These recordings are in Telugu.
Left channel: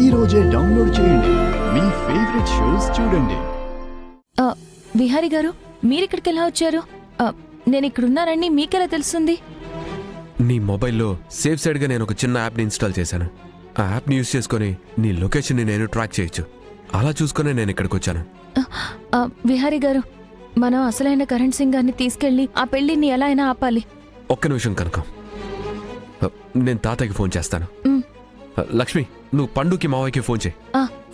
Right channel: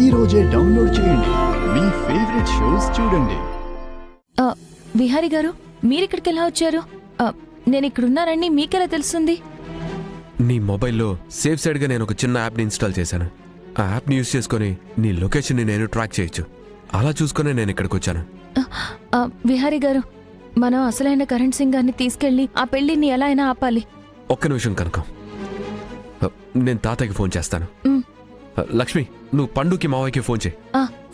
ఈ రోజే డౌన్లోడ్ చేయండి. మీ ఫేవరెట్ షోస్ చూడండి. విహారీ గారు, మీరిక్కడికి ఎలా వచ్చారు? నేను ఇక్కడున్నానని మీకెలా తెలుస్తుంది? నీ మొబైల్లో సేఫ్ సైడ్గా నేను ఒక చిన్న యాప్ని ఇన్స్టాల్ చేశాను. ఆ యాప్ని యూజ్ చేసుకొని నీ లొకేషన్ని నేను ట్రాక్ చేయొచ్చు. అలా చూసుకునే నేను ఇక్కడికి వచ్చాను. విహారీ గారు, మనం అసలైన కరణ్ సింగ్ గారిని తీసుకెళ్లి ఆ పెళ్లిని ఎలా అయినా ఆపాలి. ఒక్క నిమిషం కనకం, నేను తాతయ్యకి ఫోన్ చేస్తాను. లక్ష్మి, నువ్వు పండుకి మావయ్యకి ఫోన్ చేయి.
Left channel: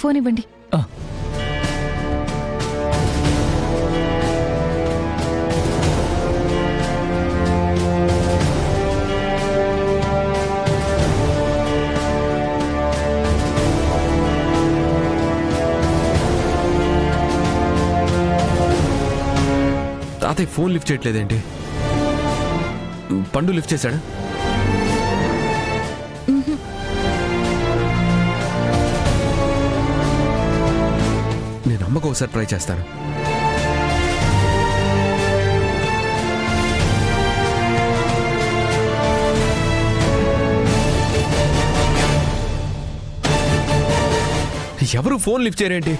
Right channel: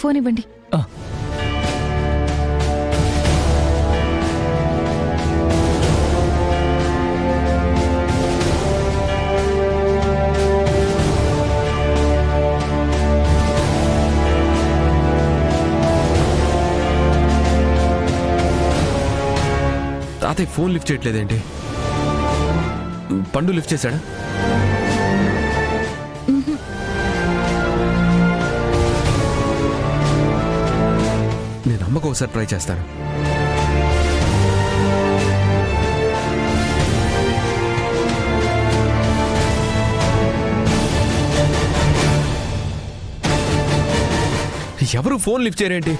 ఫోన్ ఇవ్వండి. తాతయ్య ఫోన్ లిఫ్ట్ చేయట్లేదేంటి? పండు లిఫ్ట్ చేశాడా? నేను అమ్మకు ఒకసారి ట్రై చేస్తాను. ఎవరు ఫోన్ లిఫ్ట్ చేయరేంటి?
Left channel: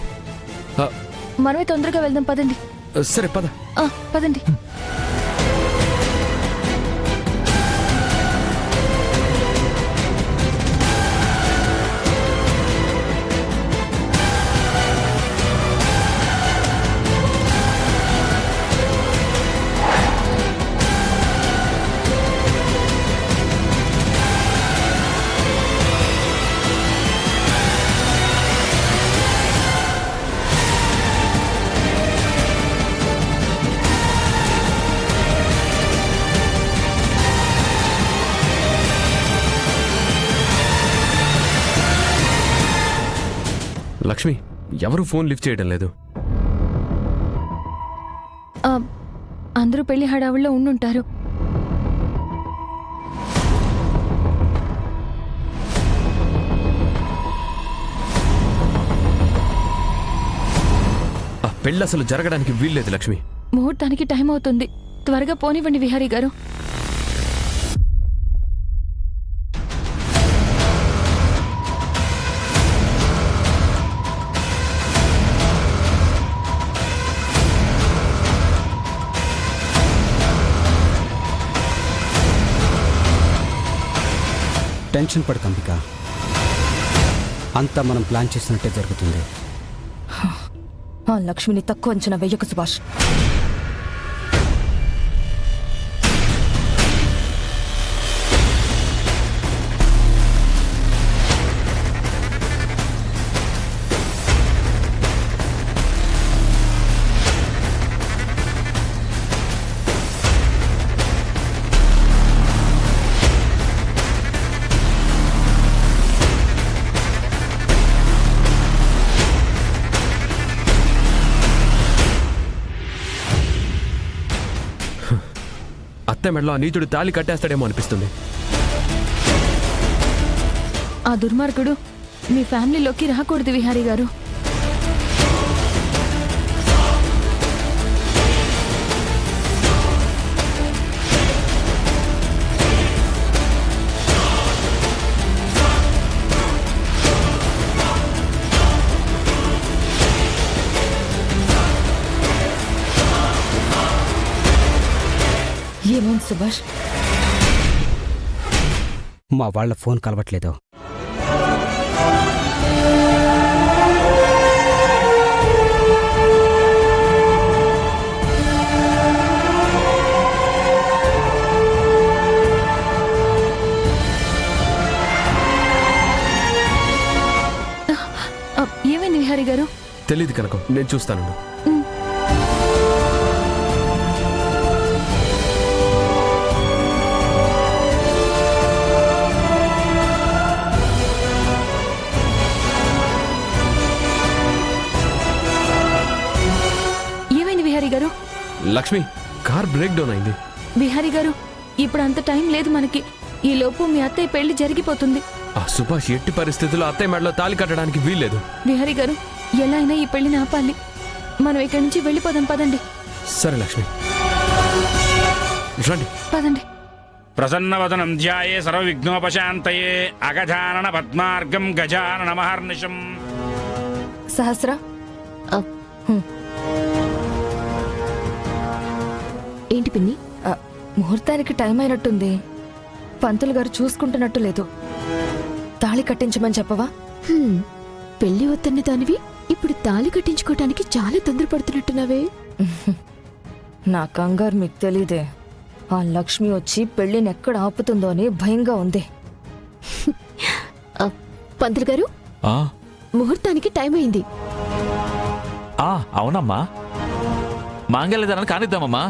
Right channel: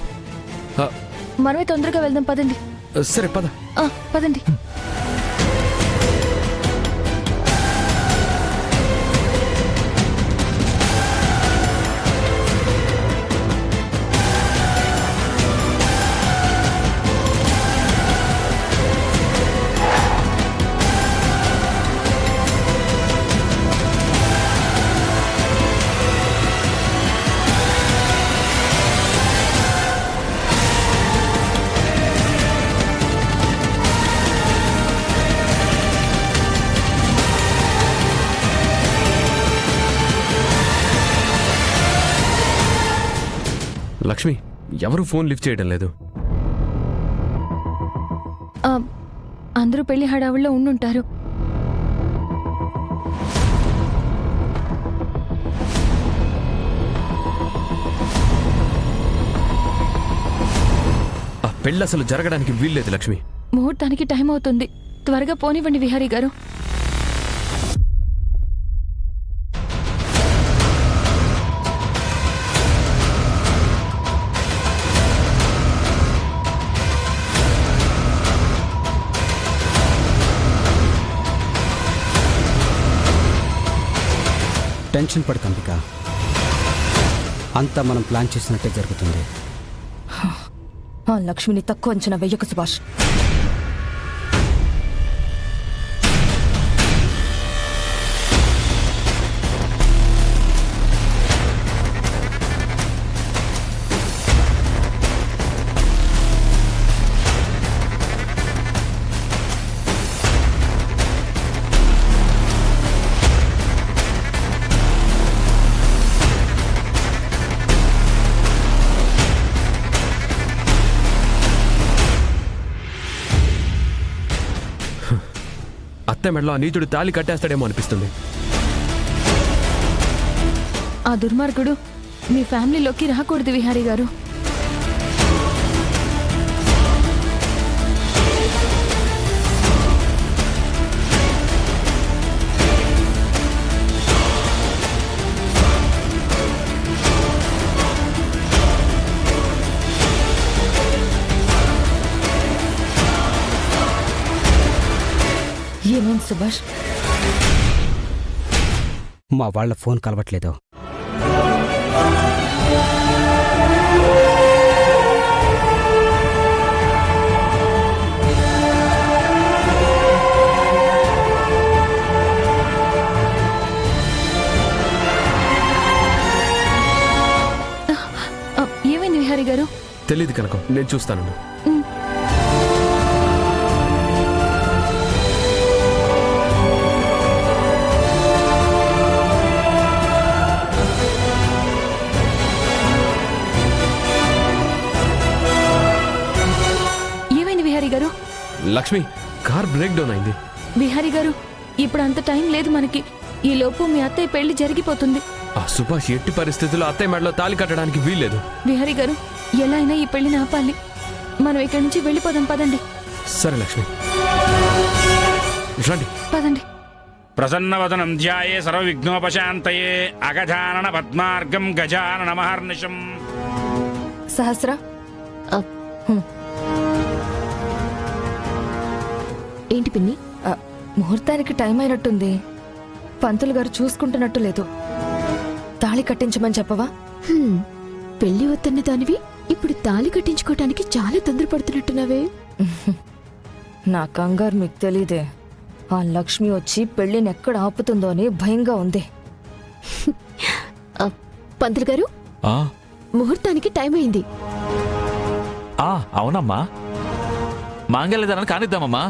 మనమే తొందరగా వెళ్దాం, పదండి. సరే పద. పదండి. లక్ష్మి, ఎవరు ఫోన్ లిఫ్ట్ చేయడం లేదు. అందరూ పెళ్లి హడావుల్లో ఉండుంటారు. ఆ పెళ్ళి అసలు జరగడానికి వీల్లేదు లక్ష్మి. ముహూర్తానికి టైం అవుతుంది. త్వరగా పోనివ్వండి విహారీ గారు. టెన్షన్ పడు కంపిక, అంతా మనం ప్లాన్ చేసినట్టే జరుగుతుంది. ఆ లక్ష్మిని తక్కువ అంచనా వెయ్యకు సుభాష్. అత్త మెడలో ఆ నీచుడు తాళి కట్టేస్తాడేమో అనిపిస్తుంది. ఆ దుర్మార్గుడు మీ ఫ్యామిలీలోకి రాకూడదు విహారీ గారు. ఏమైంది సుభాష్? మా వాళ్ళ ఫోన్ కలవట్లేదు. ఏమైంది విహారీ గారు? తెలీదు కనుక, నేను చూస్తాను. గారు, లక్ష్మి, కార్ బ్రేక్ డౌన్ అయింది. విహారీ గారు, ఇప్పుడు అంత టైం లేదు మనకి. ఈ లోపు మీ అత్తయ్య పెళ్లి జరిగిపోతుంది. ఆ సుభాష్ ఎట్టి పరిస్థితుల్లో అత్తయ్య మెడలో తాళి కట్టడానికి వీల్లేదు. విహారీ గారు, ఎలా అయినా ఈ పెళ్లిని ఆపాలి. మనం ఇక్కడి నుంచి వెళ్ళిపోదాం, పదండి. సరే లక్ష్మి, రండి. పదండి. ప్రసన్నవదనం ధ్యాయే సర్వవిఘ్నోపశాంతయే అగజానన పద్మార్గం గజానన మహర్నిశం. సహస్ర ఏంటి పిన్ని? ముహూర్తానికి టైం అయినట్టుంది. పంతులు గారు చూసుకుంటున్నట్టు లేదు. తాళి కట్టించమని చెప్పవా? పెళ్లి వద్దన్న దానివి ఇప్పుడు తాళి కట్టించుకోవటానికి చాలా తొందరపడుతున్నట్టున్నావే. నా కంగారు మీకు తెలీదే. ఆ లక్ష్మి వచ్చి పెళ్లిని ఎక్కడ ఆపుతుందో అని భయంగా ఉంది. పంతులు గారు, ఆ ముహూర్తానికి టైం అయింది. ఆ అవునమ్మా, మాంగళ్యదానాన్ని కానిద్దామమ్మా.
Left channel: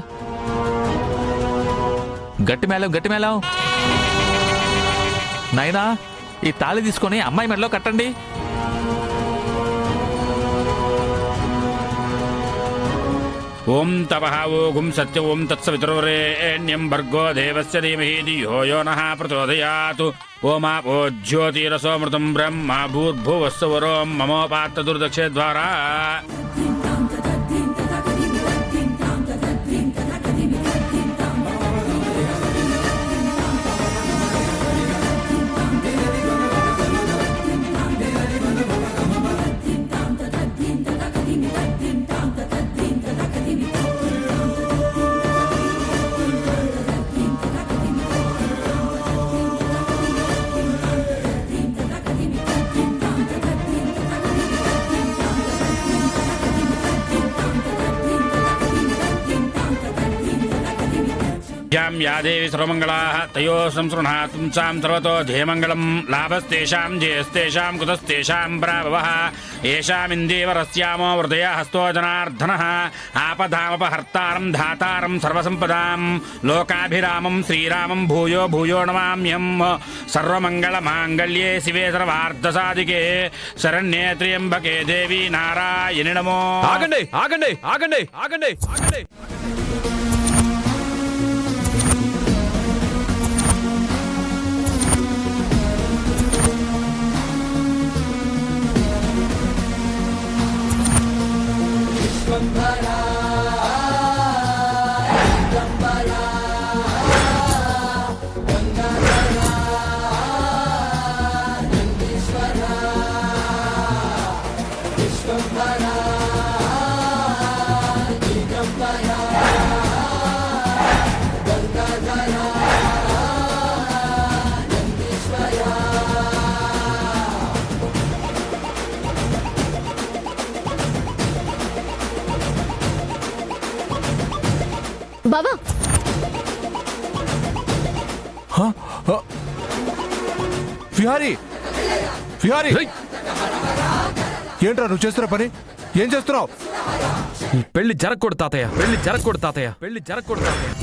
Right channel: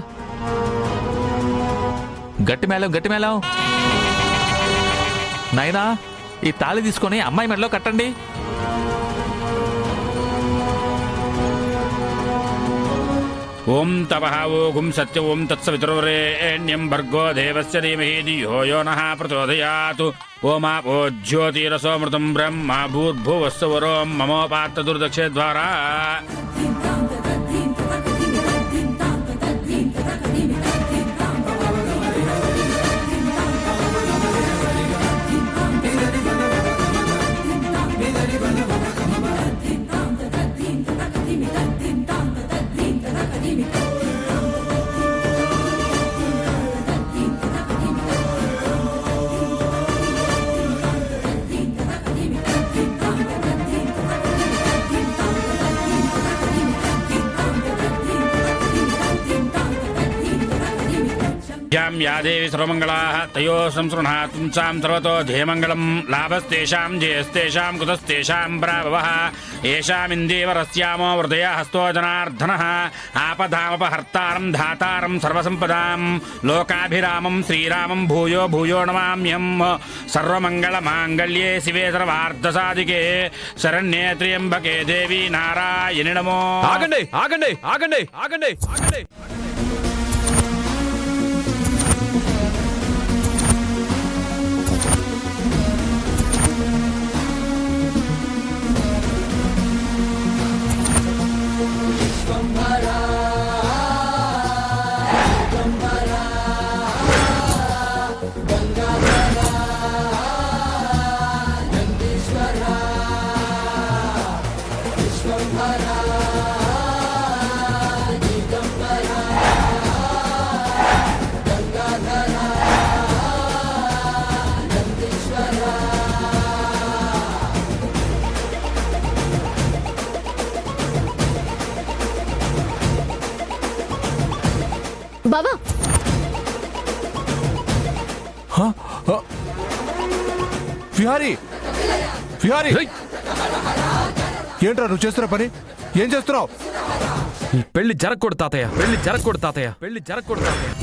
గట్టి మేళం నాయనా, ఈ తాళి తీసుకొని అమ్మాయి మెడలో కట్టండి. ఓం తపః ఓం సత్య ఓం తత్సవితుర్వరేణ్యం భర్గో దేవస్య ధీమహి ధియో యో నః ప్రచోదయాత్. ఓమాపో జ్యోతిరసోమృతం బ్రహ్మ భూర్భువస్సువరోం మమోపాత్త దుర్దక్షే ద్వారా. యా దేవి సర్వమంగళాః తయో సంసృణాత్ పుంసాం సర్వతో ధేమంగళం. లాభస్తేషాం జయస్తేషాం కుతస్తేషాం ప్రాభవః. ఏషామిందేవరస్యామో హృదయ హస్తో జనార్దనః. ఆపదామపహర్తారం ధాతారం సర్వసంపదాం. లోకాభిరామం శ్రీరామం భూయో భూయో నమామ్యహం. సర్వమంగళమాంగళ్యే శివే సర్వార్థసాధికే శరణ్యే త్ర్యంబకే దేవి నారాయణి నమో. ఆగండి ఆగండి ఆగండి ఆగండి ఆగండి. బావా, విహారీ విహారీ, ఏంట్రా నువ్వు చేస్తున్న పని? ఏం చేస్తున్నావు? ఈ పెళ్లి జరగకూడదు తాతయ్య, పెళ్లి జరగకూడదు తాతయ్య, పెళ్లి జరగకూడదు తాతయ్య.